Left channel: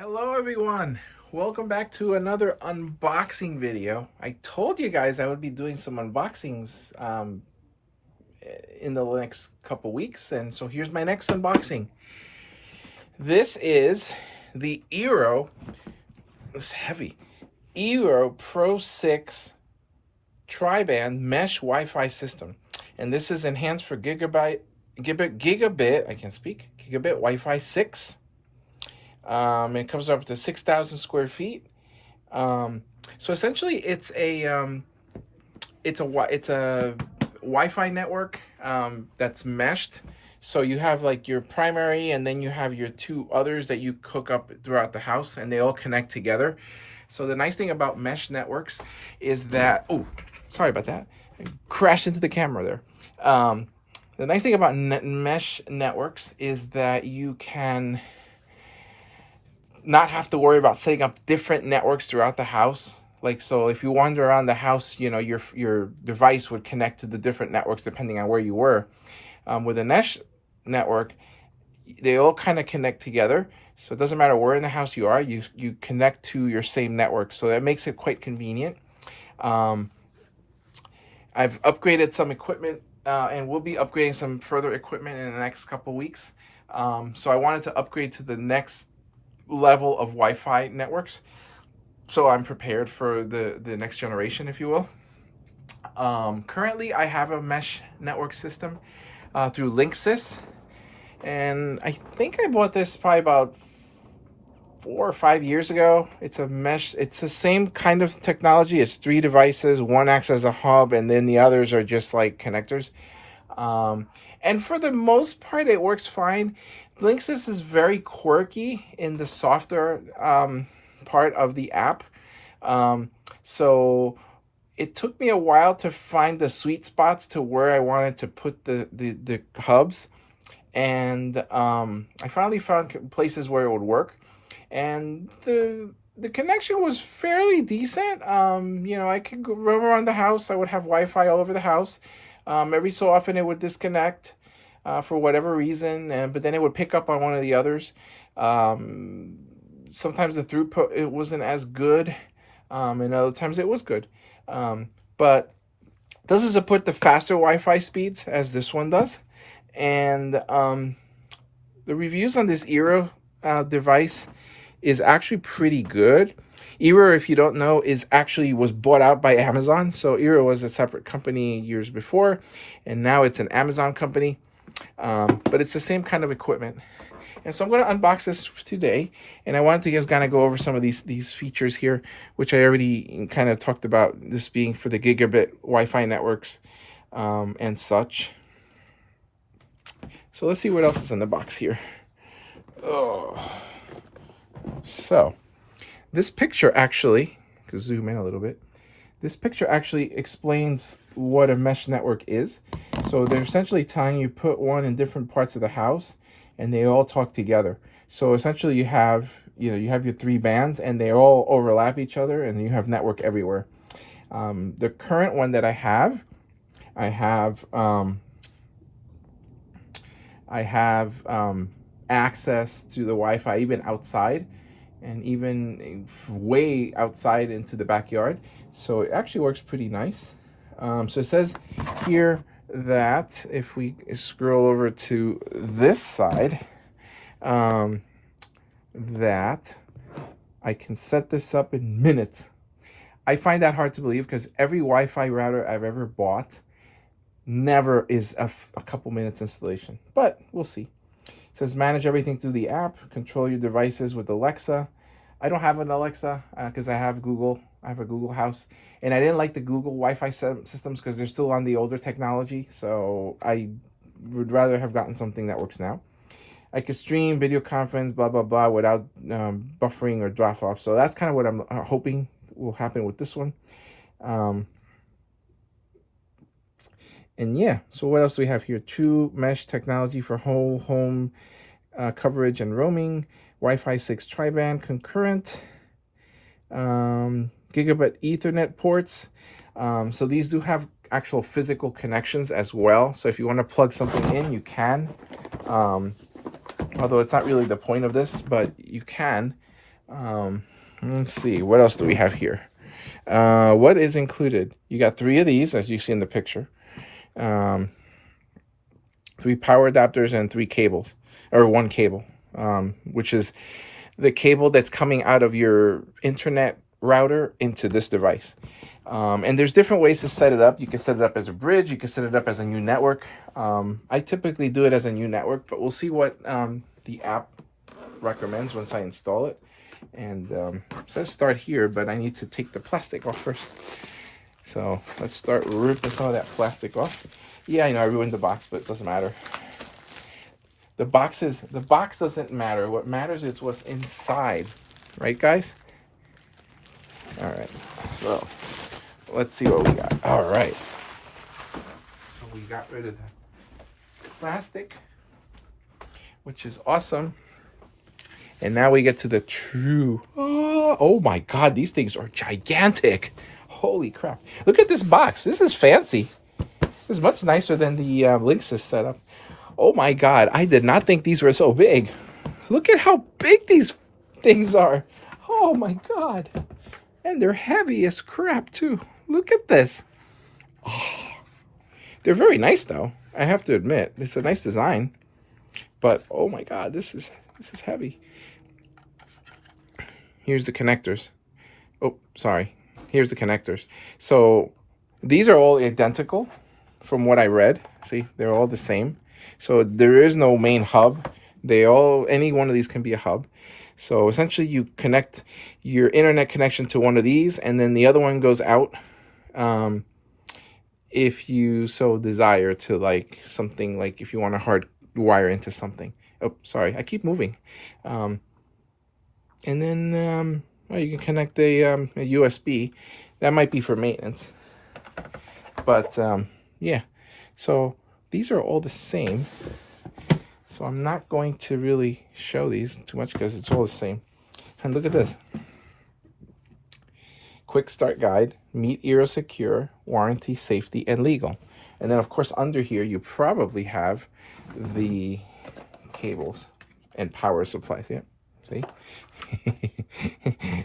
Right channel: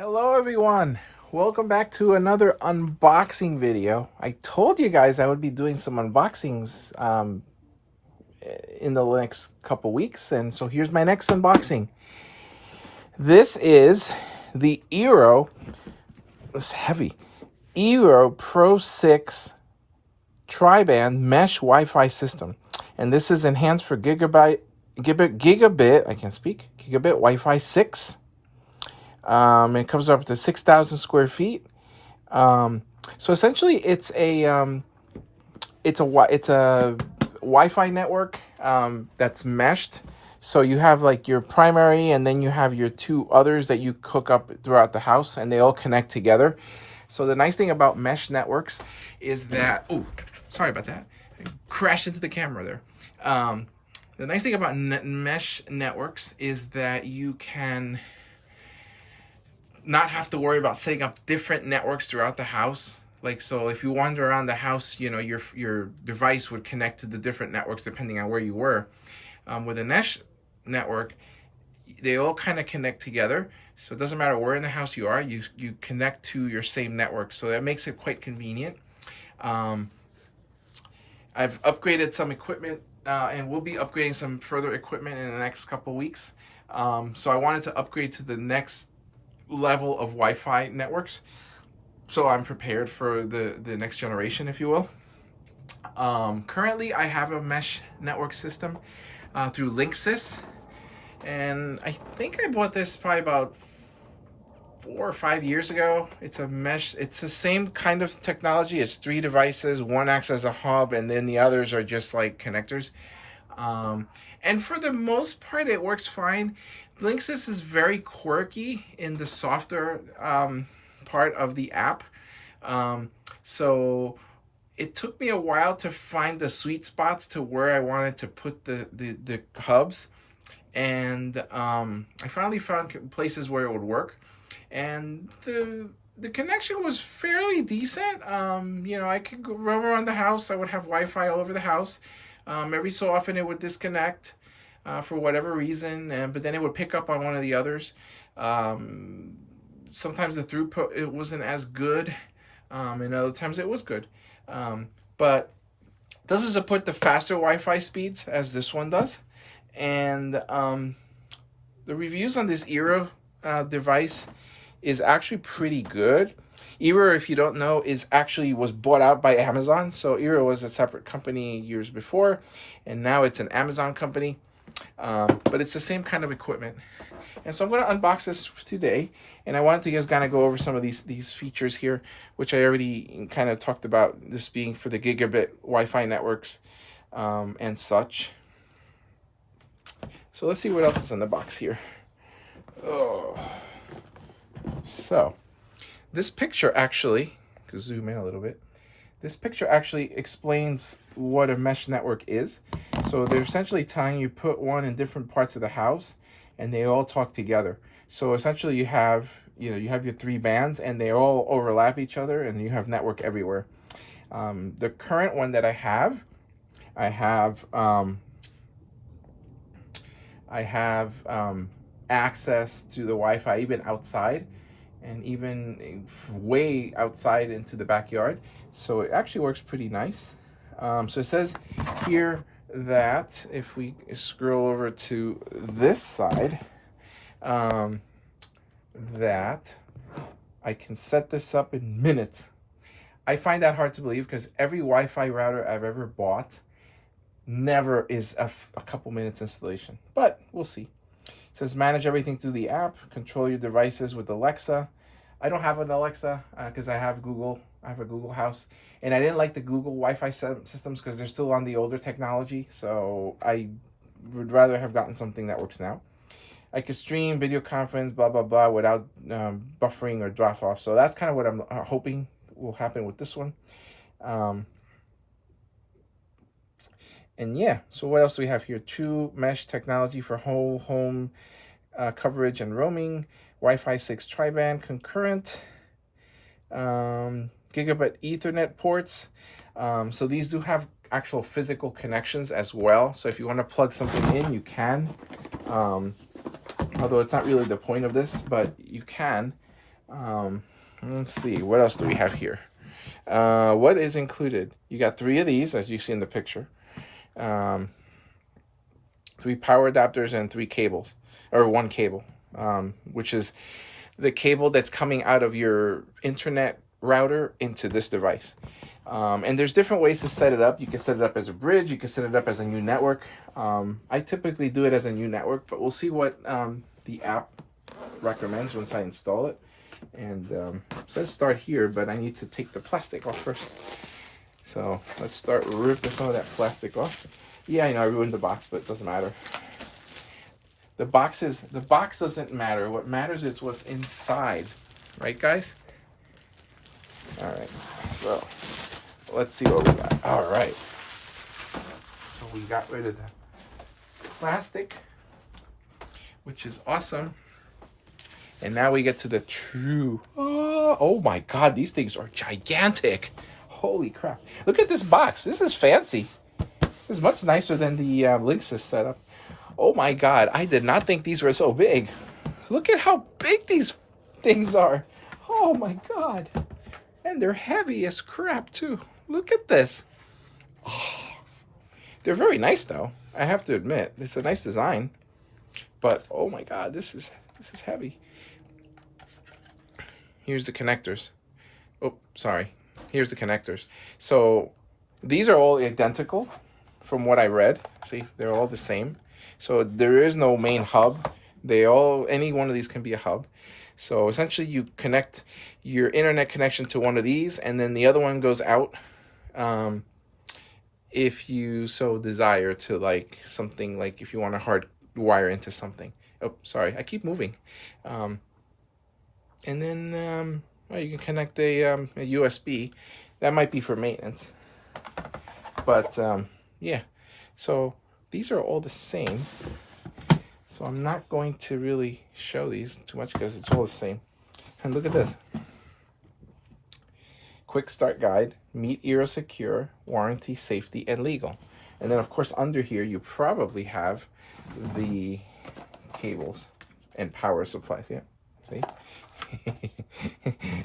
Hello everyone, welcome back to another unboxing video. I told you guys I would be doing some unboxings in the next couple weeks, and so here's my next unboxing. This is the eero, it's heavy, eero Pro 6 tri-band mesh Wi-Fi system, and this is enhanced for gigabit I can't speak, gigabit Wi-Fi 6. It comes up to 6,000 square feet. So essentially, it's a Wi-Fi network that's meshed. So you have like your primary, and then you have your two others that you hook up throughout the house, and they all connect together. So the nice thing about mesh networks is that, oh, sorry about that, I crashed into the camera there. The nice thing about mesh networks is that you can not have to worry about setting up different networks throughout the house. Like, so if you wander around the house, you know, your device would connect to the different networks depending on where you were. With a mesh network, they all kind of connect together. So it doesn't matter where in the house you are, you connect to your same network. So that makes it quite convenient. I've upgraded some equipment and we'll be upgrading some further equipment in the next couple weeks. So I wanted to upgrade to the next level of Wi-Fi networks, so I'm prepared for the next generation, if you will. Currently I have a mesh network system through Linksys, and I think I bought this probably about 4 or 5 years ago. It's a mesh, it's the same kind of technology. It's 3 devices, one acts as a hub, and then the others are just like connectors. And for the most part, it works fine. Linksys is very quirky in the software part of the app. So it took me a while to find the sweet spots to where I wanted to put the hubs. And I finally found places where it would work. And the connection was fairly decent. You know, I could roam around the house. I would have Wi-Fi all over the house. Every so often it would disconnect for whatever reason, but then it would pick up on one of the others. Sometimes the throughput, it wasn't as good, and other times it was good. But it doesn't support the faster Wi-Fi speeds as this one does. And the reviews on this eero device is actually pretty good. eero, if you don't know, was bought out by Amazon. So eero was a separate company years before, and now it's an Amazon company. But it's the same kind of equipment. And so I'm going to unbox this today, and I wanted to just kind of go over some of these features here, which I already kind of talked about, this being for the gigabit Wi-Fi networks and such. So let's see what else is in the box here. Oh. So this picture actually, zoom in a little bit, this picture actually explains what a mesh network is. So they're essentially telling you put one in different parts of the house, and they all talk together. So essentially you have your 3 bands, and they all overlap each other, and you have network everywhere. The current one that I have access to the Wi-Fi even outside, and even way outside into the backyard. So it actually works pretty nice. So it says here that if we scroll over to this side, that I can set this up in minutes. I find that hard to believe because every Wi-Fi router I've ever bought never is a couple minutes installation, but we'll see. It says manage everything through the app, control your devices with Alexa. I don't have an Alexa because I have Google. I have a Google house, and I didn't like the Google Wi-Fi systems because they're still on the older technology, so I would rather have gotten something that works now. I could stream, video conference, blah, blah, blah, without buffering or drop off. So that's kind of what I'm hoping will happen with this one. And yeah, so what else do we have here? True mesh technology for whole home coverage and roaming. Wi-Fi 6 tri-band concurrent. Gigabit Ethernet ports. So these do have actual physical connections as well. So if you want to plug something in, you can. Although it's not really the point of this, but you can. Let's see, what else do we have here? What is included? You got 3 of these, as you see in the picture. 3 power adapters and 3 cables, or 1 cable, which is the cable that's coming out of your internet router into this device. And there's different ways to set it up. You can set it up as a bridge. You can set it up as a new network. I typically do it as a new network, but we'll see what the app recommends once I install it. And it says start here, but I need to take the plastic off first. So let's start ripping some of that plastic off. Yeah, I know I ruined the box, but it doesn't matter. The box doesn't matter. What matters is what's inside, right, guys? All right. So let's see what we got. All right. So we got rid of the plastic, which is awesome. And now we get to the true. Oh my God, these things are gigantic. Holy crap. Look at this box. This is fancy. This is much nicer than the Linksys setup. Oh my God, I did not think these were so big. Look at how big these things are. Oh my God. And they're heavy as crap too. Look at this. Oh, they're very nice though, I have to admit. It's a nice design. But oh my God, this is heavy. Here's the connectors. Oh, sorry. Here's the connectors. So these are all identical from what I read. See, they're all the same. So there is no main hub. Any one of these can be a hub. So essentially you connect your internet connection to one of these, and then the other one goes out if you so desire to, like something like if you want to hard wire into something. Oh, sorry, I keep moving. And then well, you can connect a USB. That might be for maintenance. But yeah, so these are all the same. So I'm not going to really show these too much because it's all the same. And look at this. Quick start guide, meet eero secure, warranty, safety, and legal. And then of course under here you probably have the cables and power supplies. Yeah, see?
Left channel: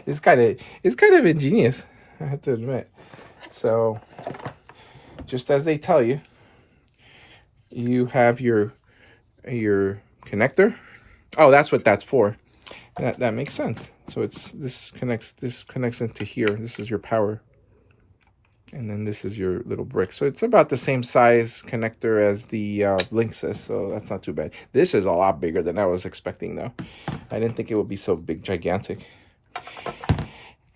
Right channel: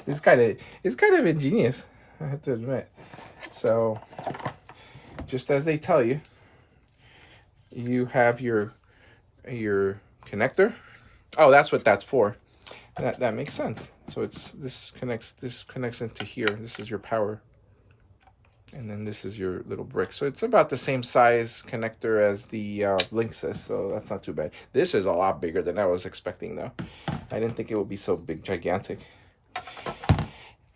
It's kind of ingenious, I have to admit. So just as they tell you, you have your connector. Oh, that's what that's for. That makes sense. So this connects into here. This is your power, and then this is your little brick. So it's about the same size connector as the Linksys, so that's not too bad. This is a lot bigger than I was expecting though. I didn't think it would be so big, gigantic.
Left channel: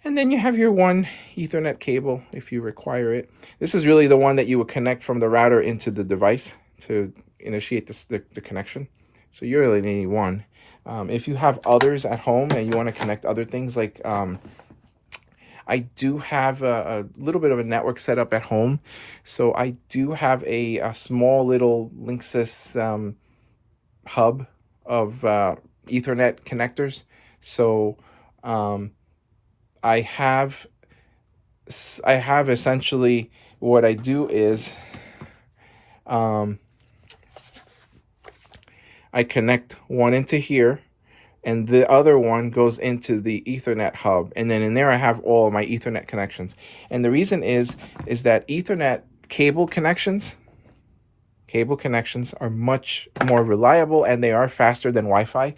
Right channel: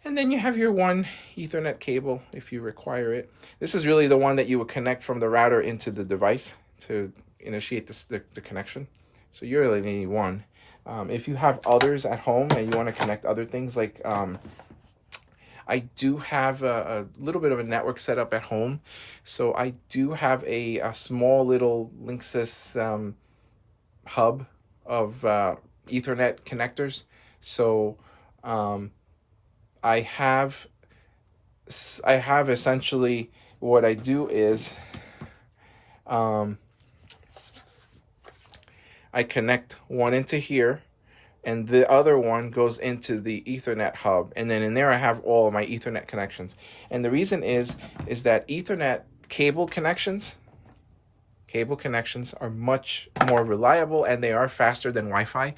And then you have your 1 Ethernet cable if you require it. This is really the one that you would connect from the router into the device to initiate the connection. So you really need 1. If you have others at home and you want to connect other things, like I do have a little bit of a network set up at home. So I do have a small little Linksys hub of Ethernet connectors. So I have essentially what I do is I connect one into here, and the other one goes into the Ethernet hub, and then in there I have all of my Ethernet connections. And the reason is that Ethernet cable connections are much more reliable, and they are faster than Wi-Fi.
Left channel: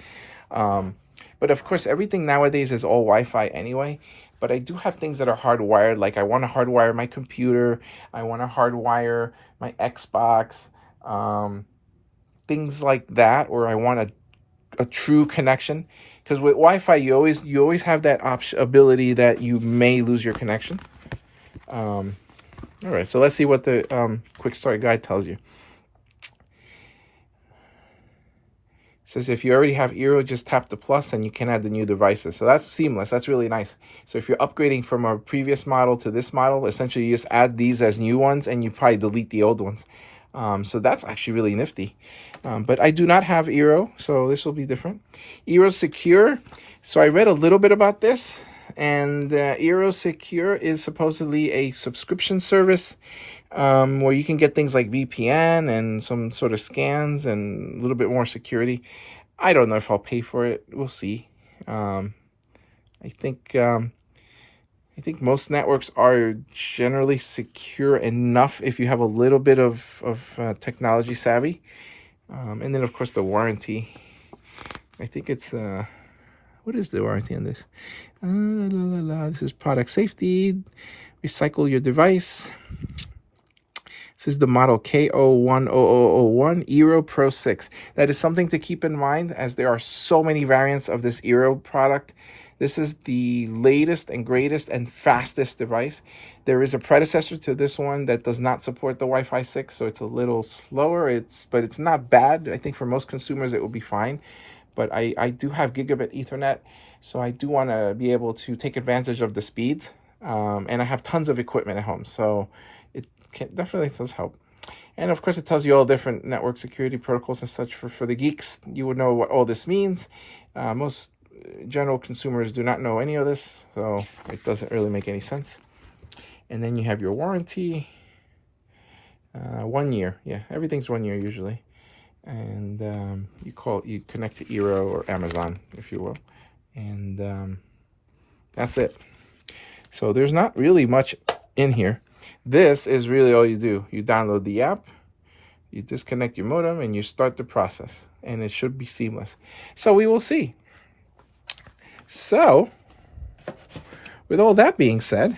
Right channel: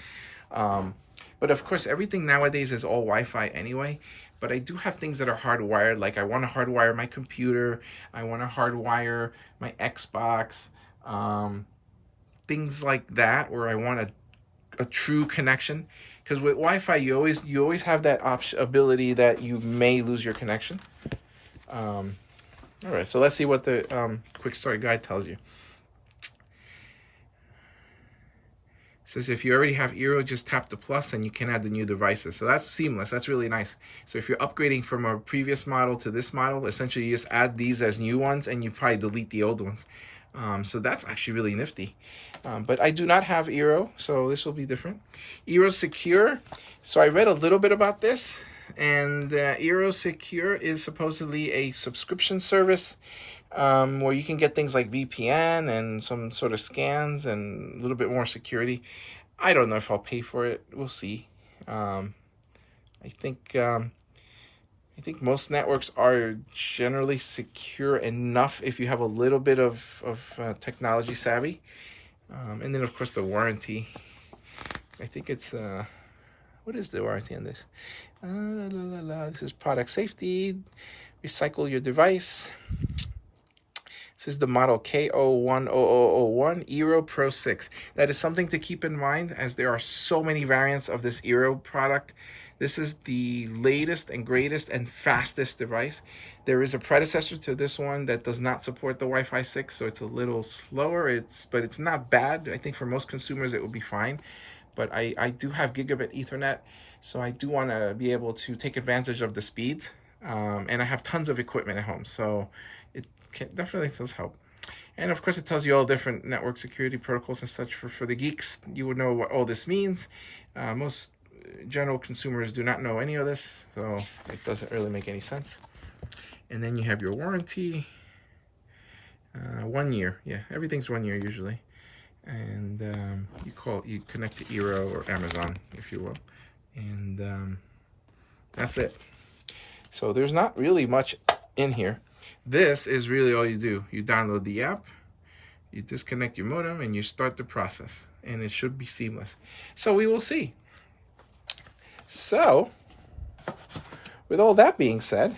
But of course, everything nowadays is all Wi-Fi anyway. But I do have things that are hardwired, like I want to hardwire my computer, I want to hardwire my Xbox, things like that, or I want a true connection. Because with Wi-Fi, you always have that ability that you may lose your connection. All right, so let's see what the quick start guide tells you. It says if you already have eero, just tap the plus and you can add the new devices. So that's seamless. That's really nice. So if you're upgrading from a previous model to this model, essentially you just add these as new ones and you probably delete the old ones. So that's actually really nifty. But I do not have eero, so this will be different. eero Secure. So I read a little bit about this, and eero Secure is supposedly a subscription service where you can get things like VPN and some sort of scans and a little bit more security. I don't know if I'll pay for it. We'll see. I think most networks are generally secure enough if you have a little bit of technology savvy. And then, of course, the warranty. I think it's, what is the warranty on this? This is product safety. Recycle your device. This is the model K010001 eero Pro 6. That is something to keep in mind, as there are so many variants of this eero product. This is the latest and greatest and fastest device. There is a predecessor to this one that does not support the Wi-Fi 6, so it's a little slower. But it's not bad. I think for most consumers it will be fine. But I do have gigabit Ethernet, so I do want to be able to take advantage of the speeds. And I have tons of equipment at home, so it definitely does help. And of course, it tells you all different network security protocols and such. For the geeks, you would know what all this means. Most general consumers do not know any of this, so it doesn't really make any sense. And then you have your warranty. 1 year. Yeah, everything's 1 year usually. And you connect to eero or Amazon, if you will. And that's it. So there's not really much in here. This is really all you do. You download the app, you disconnect your modem, and you start the process. And it should be seamless. So we will see. So, with all that being said,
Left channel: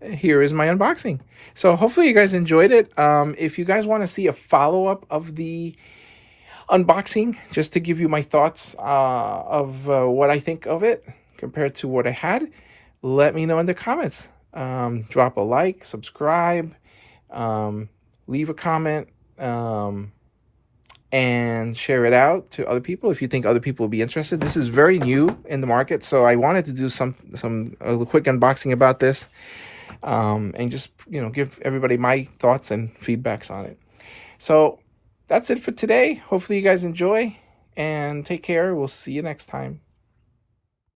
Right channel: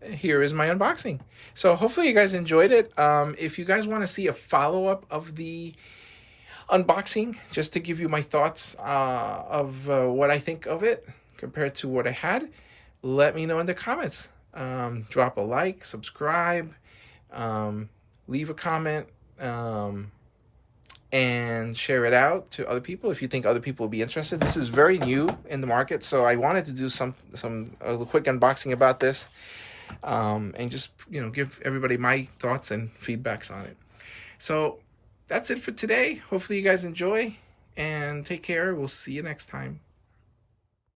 here is my unboxing. So hopefully you guys enjoyed it. If you guys want to see a follow-up of the unboxing, just to give you my thoughts of what I think of it compared to what I had, let me know in the comments. Drop a like, subscribe, leave a comment, and share it out to other people if you think other people will be interested. This is very new in the market, so I wanted to do a quick unboxing about this, and just give everybody my thoughts and feedbacks on it. So that's it for today. Hopefully you guys enjoy, and take care. We'll see you next time.